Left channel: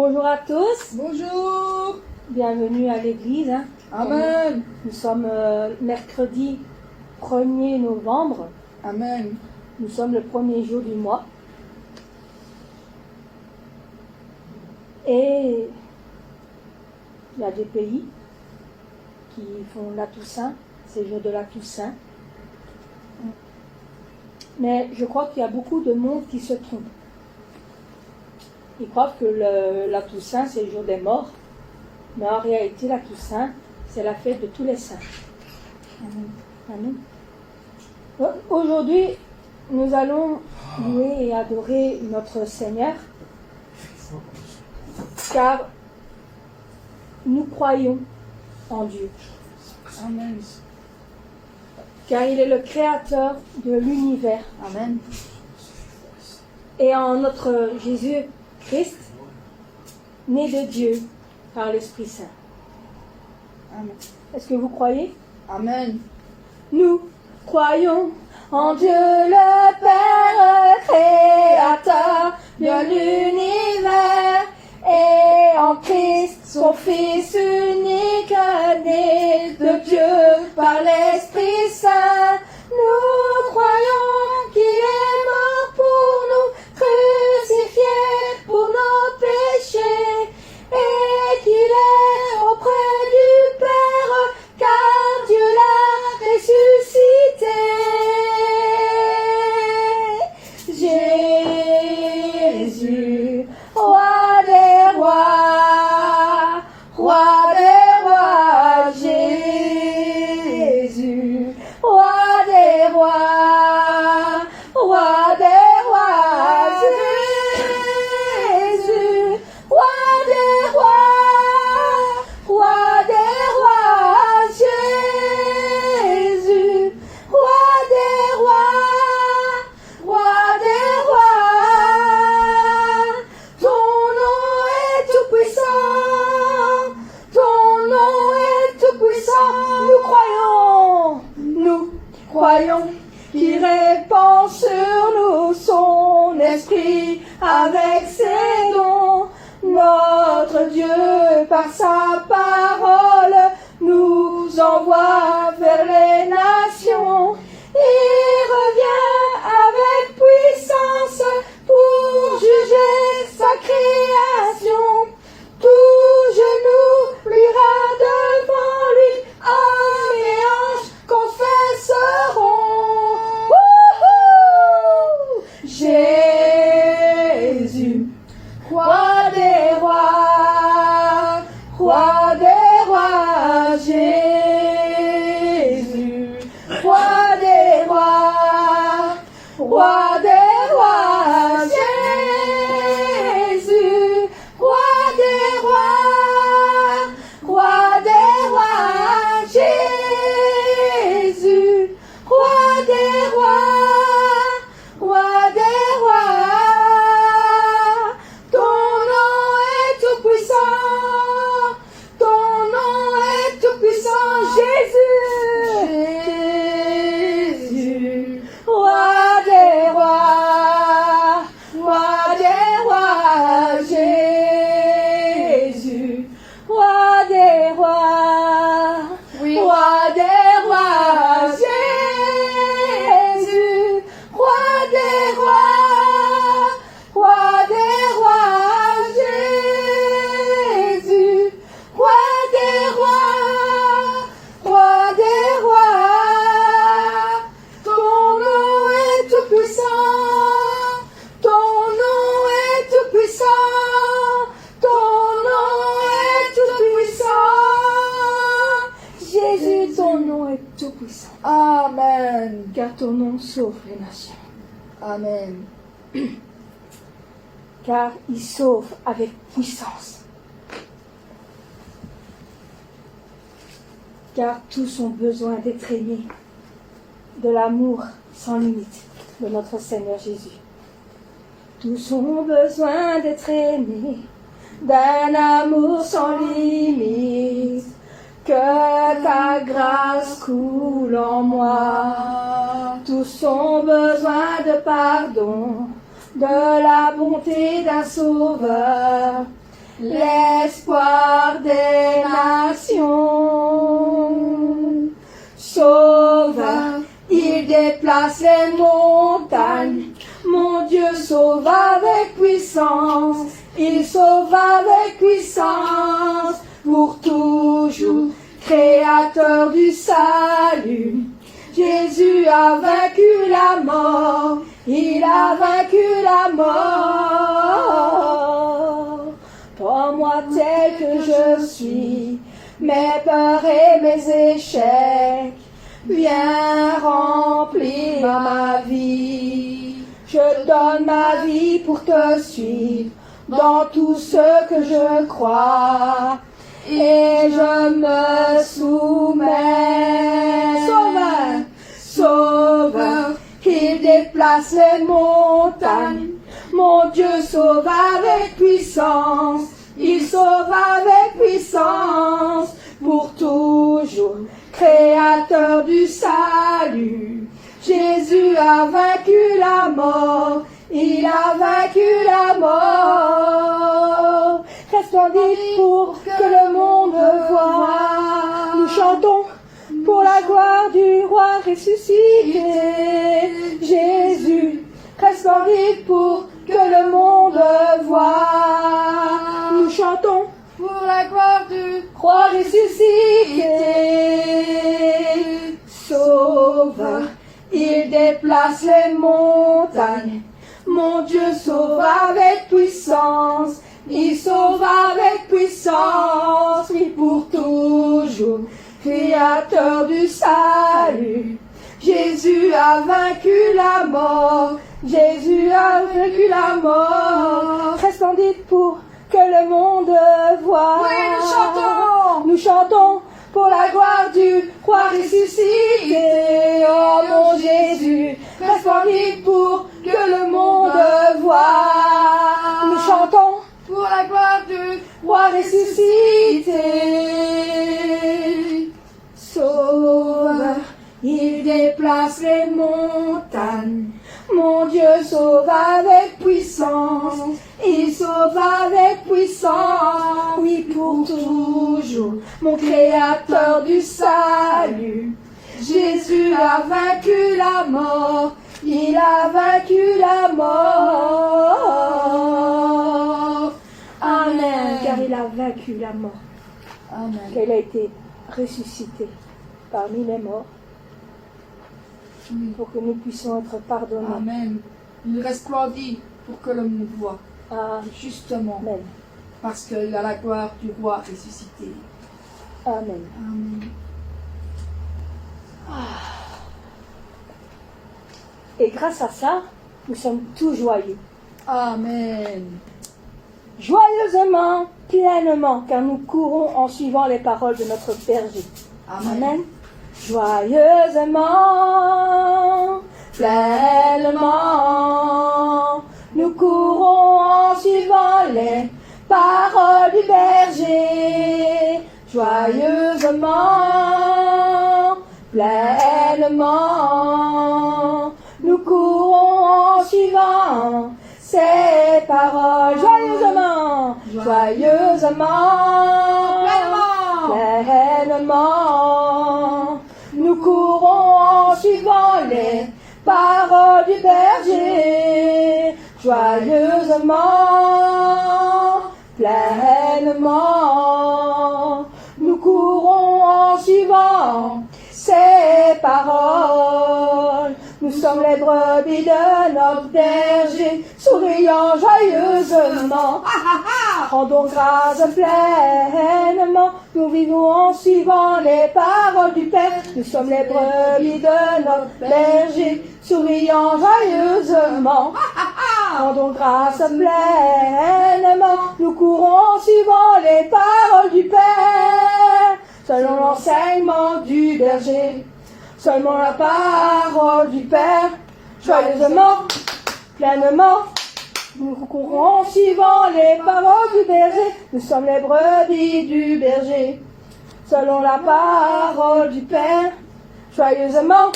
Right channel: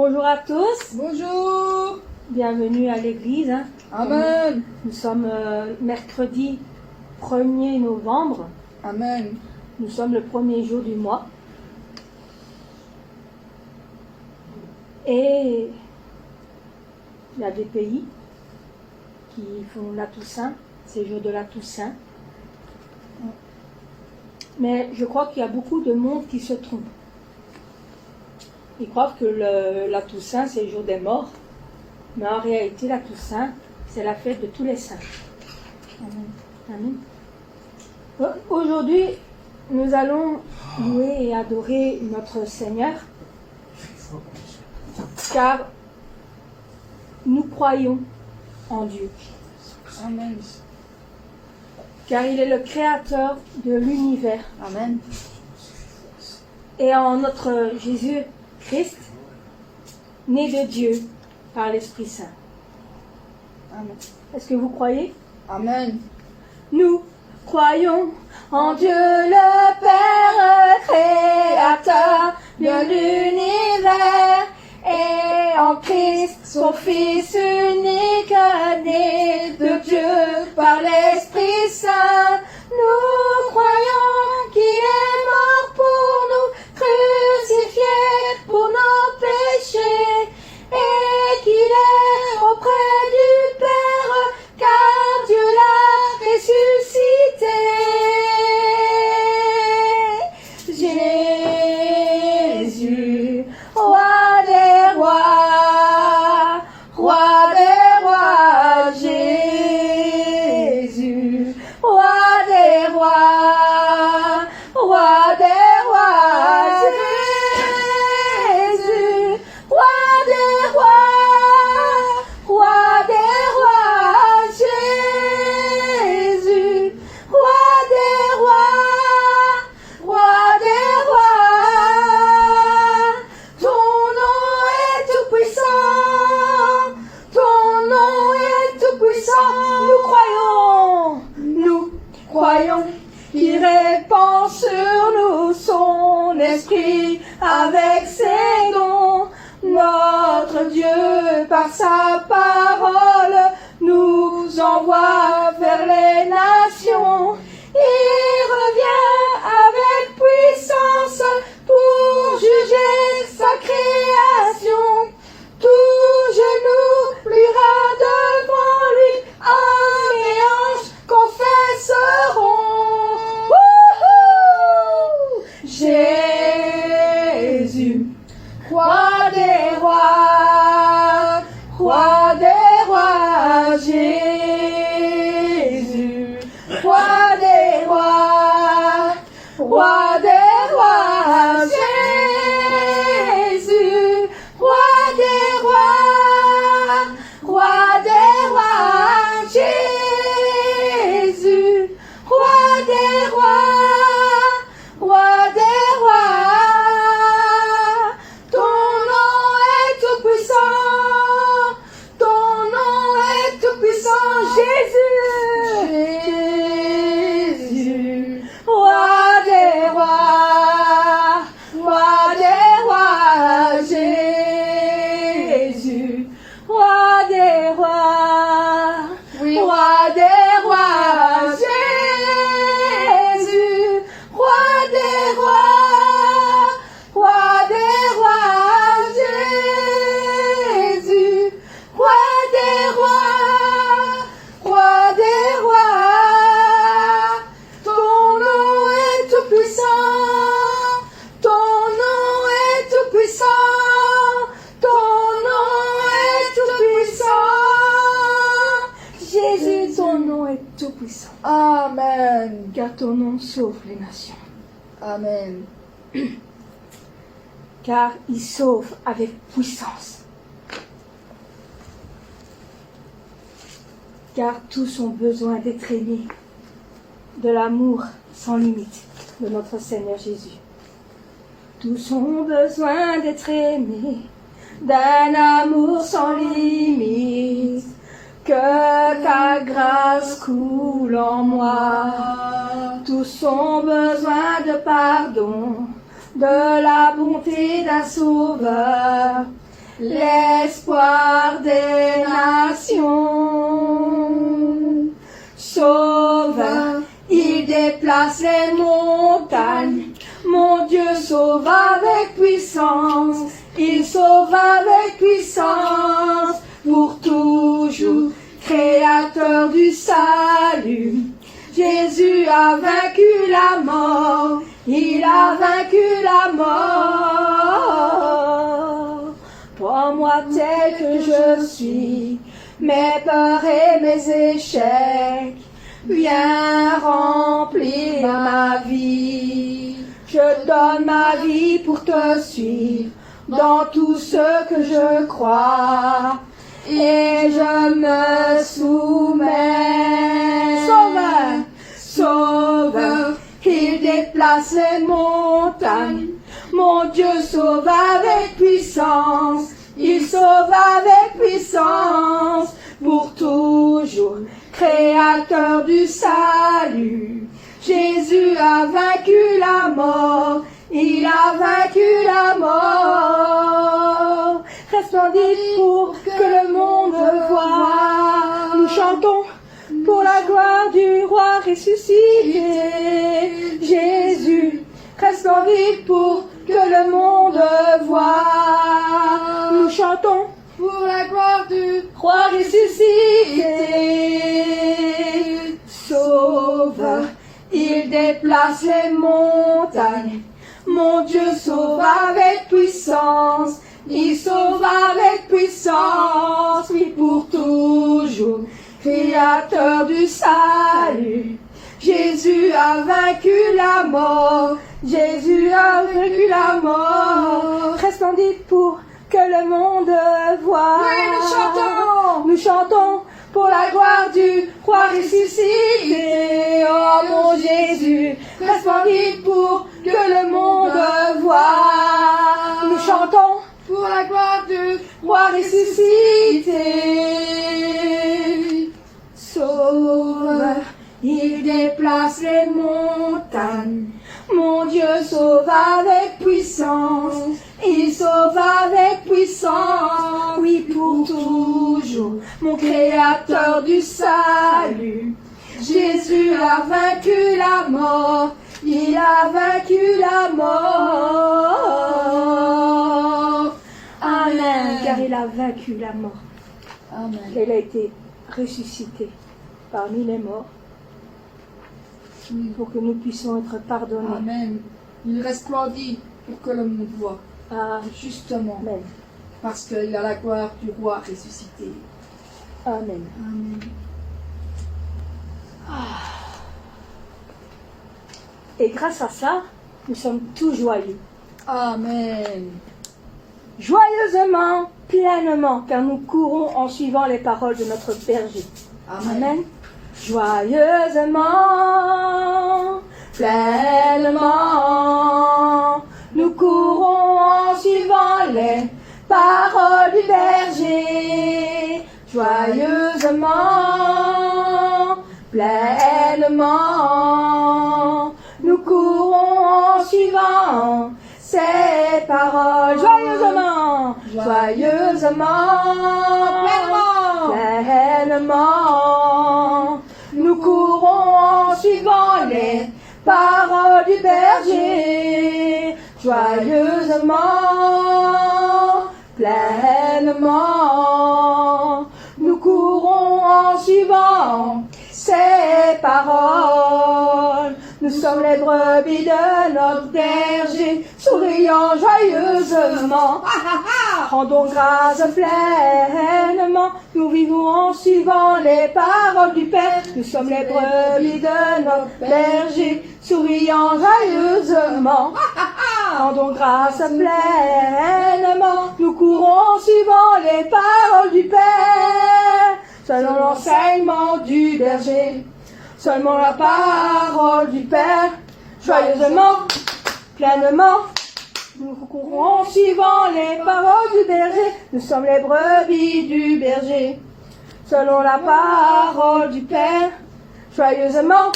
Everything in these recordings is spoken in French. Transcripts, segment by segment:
Bonjour à tous. Bonjour. Bienvenue à l'église. Amen. Nous sommes mercredi 1er novembre. Amen. Nous sommes le premier jour du mois. Et il y a des pays qui font la Toussaint, c'est le jour de la Toussaint. Mais je crois qu'il y a beaucoup de monde qui se trompe. Ils croient que la Toussaint, c'est le jour des morts. Mais en réalité, la Toussaint, c'est la fête de tous les saints. Amen. Amen. Aujourd'hui, nous allons louer et adorer notre Seigneur, car nous croyons en Dieu. Amen. Car il est le créateur de l'univers. Amen. Et en notre Jésus-Christ, né de Dieu par l'Esprit Saint. Amen. Est-ce que vous croyez? Amen. Nous croyons en Dieu le Père créateur de l'univers et en Christ son Fils unique né de Dieu par l'Esprit Saint. Nous croyons qu'il est mort pour nous, crucifié pour nos péchés et qu'il est auprès du Père car Dieu l'a ressuscité. Jésus, roi des rois, Jésus, roi des rois, Jésus, roi des rois, Jésus, roi des rois, ton nom est tout puissant, ton nom est tout puissant. Nous croyons qu'il répand sur nous son esprit avec ses dons. Notre Dieu, par sa parole, nous envoie vers les nations. Il revient avec puissance pour juger sa création. Tout genou pliera devant lui, hommes et anges confesseront. Wouhou! Jésus, roi des rois, Jésus, roi des rois, Jésus, roi des rois, Jésus, roi des rois, ton nom est tout puissant, ton nom est tout puissant, Jésus, roi des rois, Jésus, roi des rois, Oui. roi des rois, Jésus, roi des rois, Jésus, roi des rois, ton nom est tout puissant, ton nom est tout puissant, ton nom est tout puissant. Jésus, ton nom est tout puissant, Amen. car ton nom sauve les nations, Amen. car il sauve avec puissance. Car tous ont besoin d'être aimés de l'amour sans limite de notre Seigneur Jésus. Tous ont besoin d'être aimés d'un amour sans limite. Que ta grâce coule en moi. Tous ont besoin de pardon, de la bonté d'un sauveur. l'espoir des nations. Sauveur, il déplace les montagnes. Mon Dieu sauve avec puissance. Il sauve avec puissance. Pour toujours, créateur du salut. Jésus a vaincu la mort. Il a vaincu la mort. Prends-moi tel que je suis, mes peurs et mes échecs. Viens remplir ma vie. Je donne ma vie pour te suivre dans tout ce que je crois. Et je me soumets. Sauveur, Sauveur, il déplace les montagnes. Mon Dieu sauve avec puissance. Il sauve avec puissance. Pour toujours, créateur du salut. Jésus a vaincu la mort. Il a vaincu la mort. Resplendit pour que le monde voie. Nous chantons pour la gloire du roi ressuscité. Jésus, resplendit pour que le monde voie. Nous chantons pour la gloire du roi ressuscité. Sauveur, il déplace les montagnes. Mon Dieu sauve avec puissance. Il sauve avec puissance. Oui, pour toujours, créateur du salut. Jésus a vaincu la mort. Jésus a vaincu la mort. Resplendit pour que le monde voie. Oui, nous chantons. Nous chantons pour la gloire du roi ressuscité. Oh mon Jésus, resplendit pour que le monde voie. Nous chantons pour la gloire du roi ressuscité. Sauveur, il déplace les montagnes. Mon Dieu sauve avec puissance. Il sauve avec puissance. Oui, pour toujours, mon créateur du salut. Jésus a vaincu la mort. Il a vaincu la mort. Amen. Car il a vaincu la mort. Amen. Elle a été ressuscitée parmi les morts pour que nous puissions être pardonnés. Amen. Il resplendit pour que le monde voit. Justement. Amen. Parce qu'il a la gloire du roi ressuscité. Amen. Amen. Et grâce à ça, nous sommes tous joyeux. Amen. Joyeusement, pleinement, car nous courons en suivant les paroles de notre berger. Amen. Joyeusement, pleinement, nous courons en suivant les paroles du berger. Joyeusement, pleinement, nous courons en suivant ces paroles. Joyeusement, joyeusement, pleinement, nous courons en suivant les paroles du berger. Joyeusement, pleinement, nous courons en suivant ces paroles. Nous sommes les brebis de notre berger, souriant joyeusement. Rendons grâce pleinement, nous vivons en suivant les paroles du Père. Nous sommes les brebis de notre berger, souriant joyeusement. Rendons grâce pleinement, nous courons en suivant les paroles du Père. Selon l'enseignement du berger, seulement la parole du Père, joyeusement, pleinement, nous courons en suivant les paroles du berger. Nous sommes les brebis du berger, selon la parole du Père, joyeusement,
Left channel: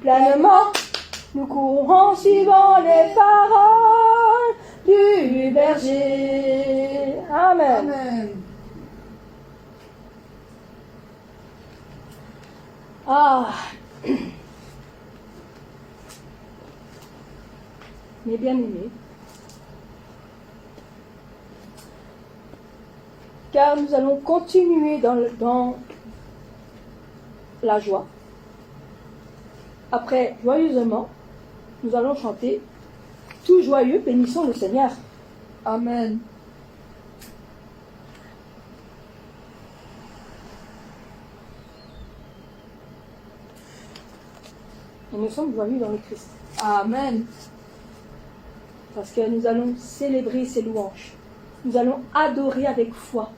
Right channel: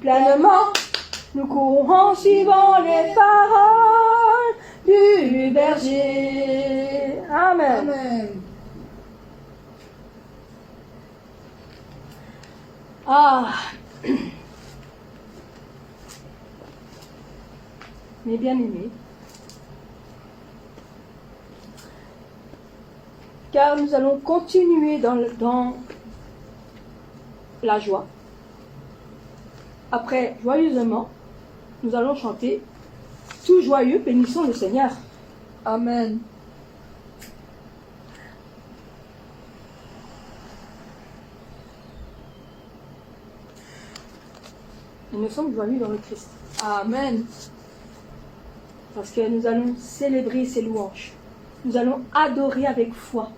pleinement, nous courons en suivant les paroles du berger. Amen. Amen. Ah. Mes bien-aimés, car nous allons continuer dans la joie. Après, joyeusement, nous allons chanter tout joyeux, bénissons le Seigneur. Amen. Et nous sommes joyeux dans le Christ. Amen. Parce que nous allons célébrer ses louanges. Nous allons adorer avec foi.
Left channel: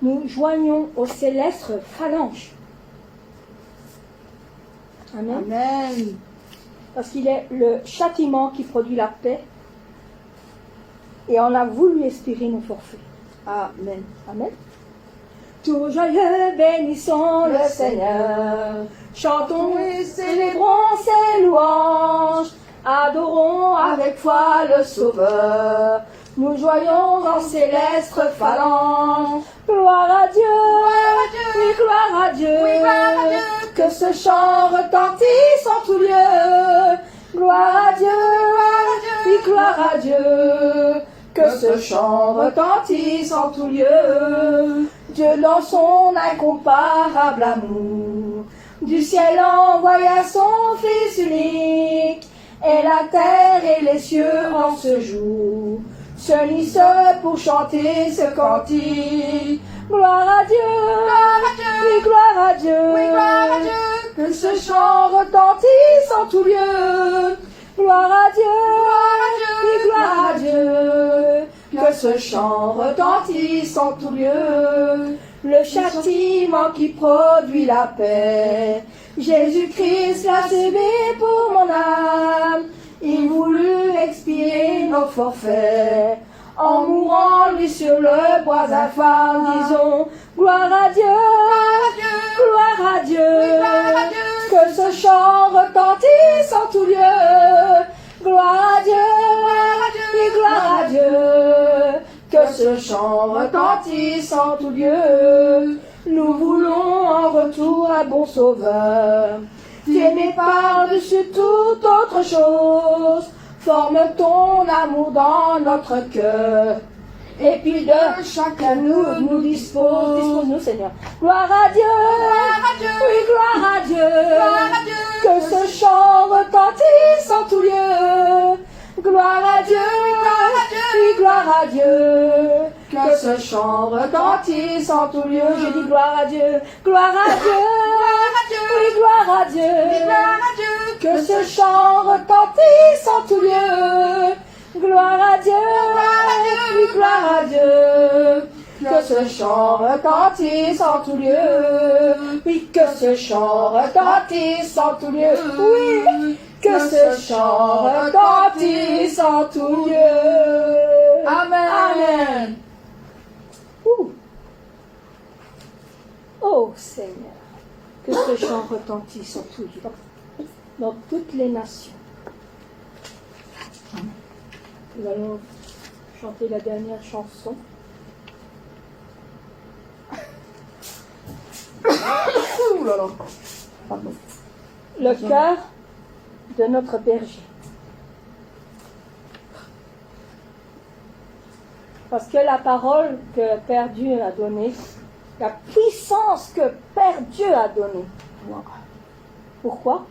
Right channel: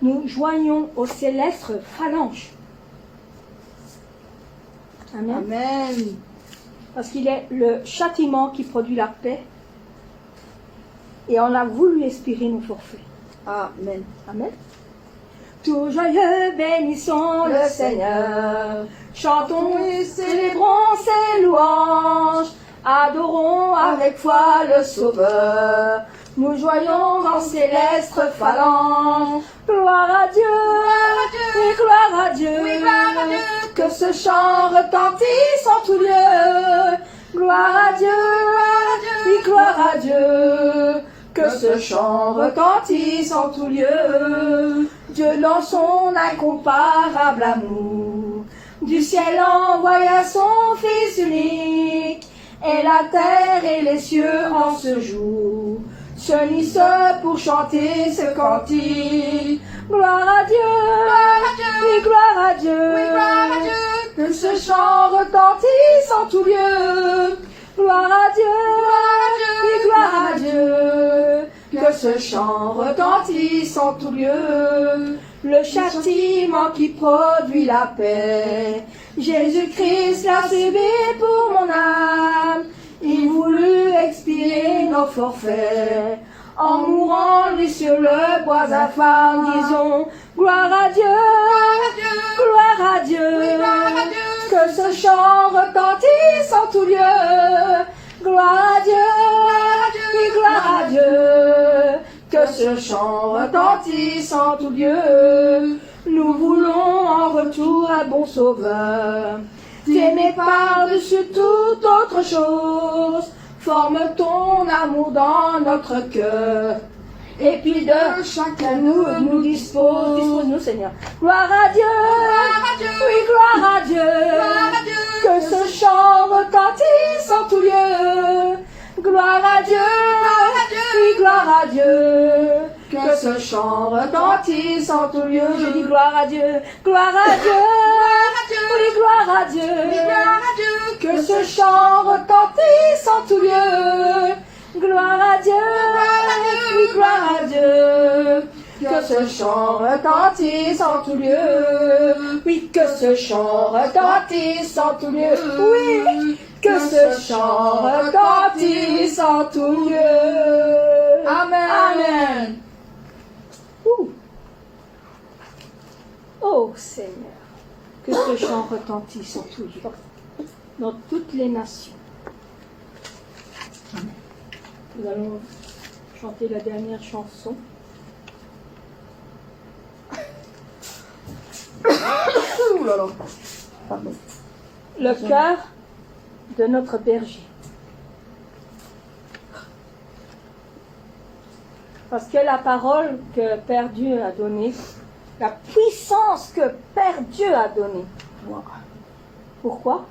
Nous joignons aux célestes phalanges. Amen. Amen. Parce qu'il est le châtiment qui produit la paix. Et on a voulu expirer nos forfaits. Amen. Amen. Tout joyeux, bénissons le Seigneur. Chantons et célébrons ses louanges. Adorons avec foi le Sauveur. Nous joignons en céleste phalange. Gloire à Dieu. Gloire à Dieu. Oui, gloire à Dieu. Oui, gloire à Dieu. Que ce chant retentisse en tout lieu. Gloire à Dieu. Gloire à Dieu. Oui, gloire à Dieu. Que ce chant retentisse en tout lieu. Dieu dans son incomparable amour, du ciel envoya son Fils unique, et la terre et les cieux en ce jour s'unissent pour chanter ce cantique. Gloire à Dieu, Gloire à Dieu. oui, gloire à Dieu, Oui, gloire à Dieu. que ce chant retentisse en tout lieu. Gloire à Dieu, oui, gloire à Dieu, que ce chant retentisse en tout lieu. Le châtiment qui produit la paix, Jésus-Christ l'a subi pour mon âme. Il voulut expier nos forfaits, en mourant lui sur le bois infâme. Disons, gloire à Dieu, gloire à Dieu, Oui, gloire à Dieu. que ce chant retentisse en tout lieu. Gloire à Dieu, oui, gloire à Dieu, que ce chant retentisse en tout lieu. Nous voulons en retour un bon sauveur, t'aimer par-dessus toute autre chose. Forme ton amour dans notre cœur, et puis de chacun nous dispose-nous, Seigneur. Gloire à Dieu, oui, gloire à Dieu, Gloire à Dieu. que ce chant retentisse en tout lieu. Gloire à Dieu, oui, gloire à Dieu, que ce chant retentisse en tout lieu. Je dis gloire à Dieu, gloire à Dieu, oui, gloire à Dieu, Gloire à Dieu. que ce chant retentisse en tout lieu. Gloire à Dieu, oui, gloire à Dieu, que ce chant retentisse en tout lieu. Oui, que ce chant retentisse en tout lieu. Oui, que ce chant retentisse en tout lieu. Amen. Ouh. Oh Seigneur, que ce chant retentisse en tout lieu, dans toutes les nations. Nous allons chanter la dernière chanson. Ouh là là. Pardon. Le cœur de notre berger. Parce que la parole que Père Dieu a donnée, la puissance que Père Dieu a donnée. Pourquoi?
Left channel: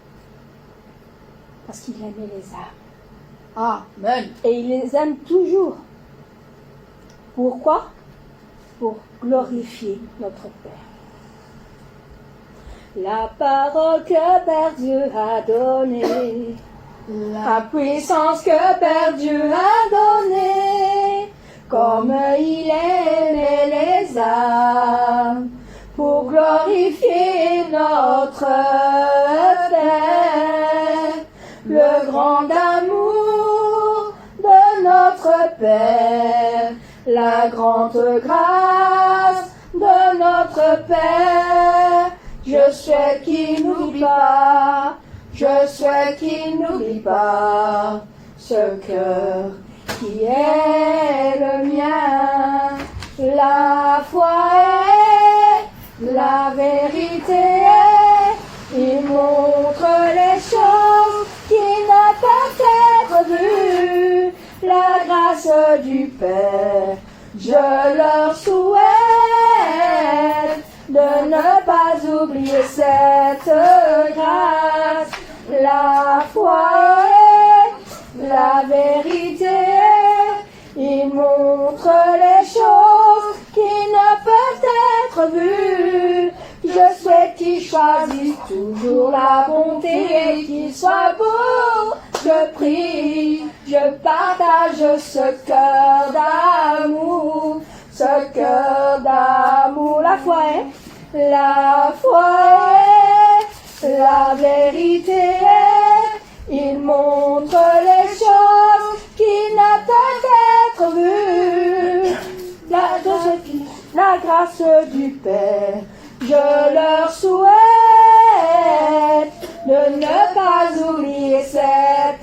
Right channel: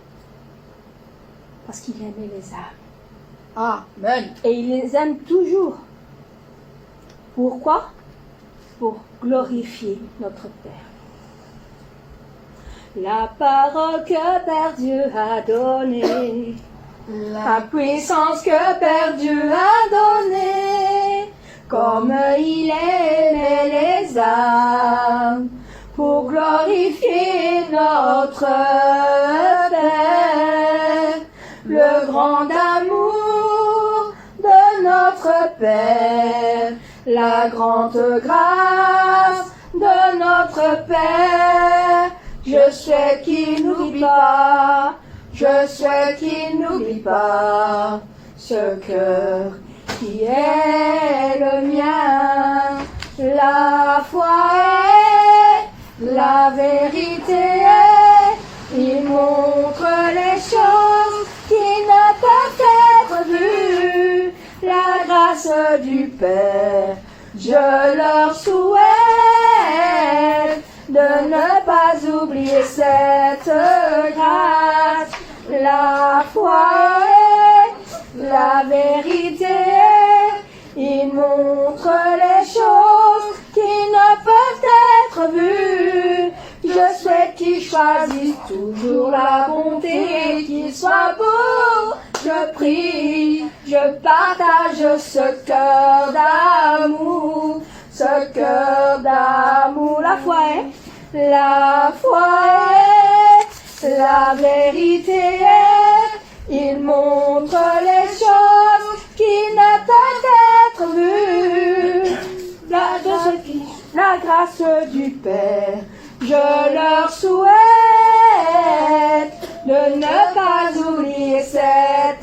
Parce qu'il aimait les âmes. Amen. Et il les aime toujours. Pourquoi? Pour glorifier notre Père. La parole que Père Dieu a donnée, la puissance que Père Dieu a donnée, comme il aimait les âmes, pour glorifier notre Père, le grand amour de notre Père, la grande grâce de notre Père. Je souhaite qu'il n'oublie pas, je souhaite qu'il n'oublie pas ce cœur qui est le mien. La foi est, la vérité est, il montre les choses qui ne peuvent être vues. La grâce du Père, je leur souhaite de ne pas oublier cette grâce. La foi est, la vérité est, il montre les choses qui ne peuvent être vues. Je souhaite qu'il choisisse toujours la bonté et qu'il soit beau. Je prie, je partage ce cœur d'amour, ce cœur d'amour. La foi est, la vérité est, il montre les choses qui ne peuvent être vues. La grâce du Père, je leur souhaite de ne pas oublier cette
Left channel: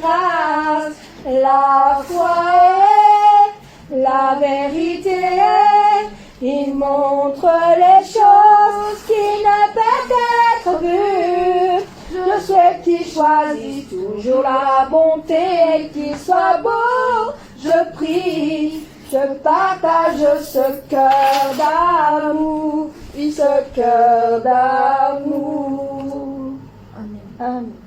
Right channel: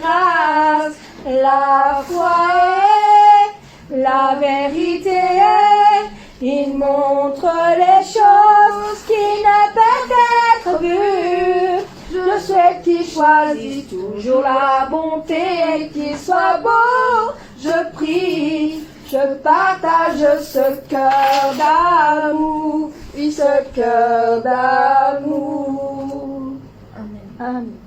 grâce. La foi est, la vérité est, il montre les choses qui ne peuvent être vues. Je souhaite qu'il choisisse toujours la bonté et qu'il soit beau. Je prie, je partage ce cœur d'amour, oui, ce cœur d'amour. Amen. Amen.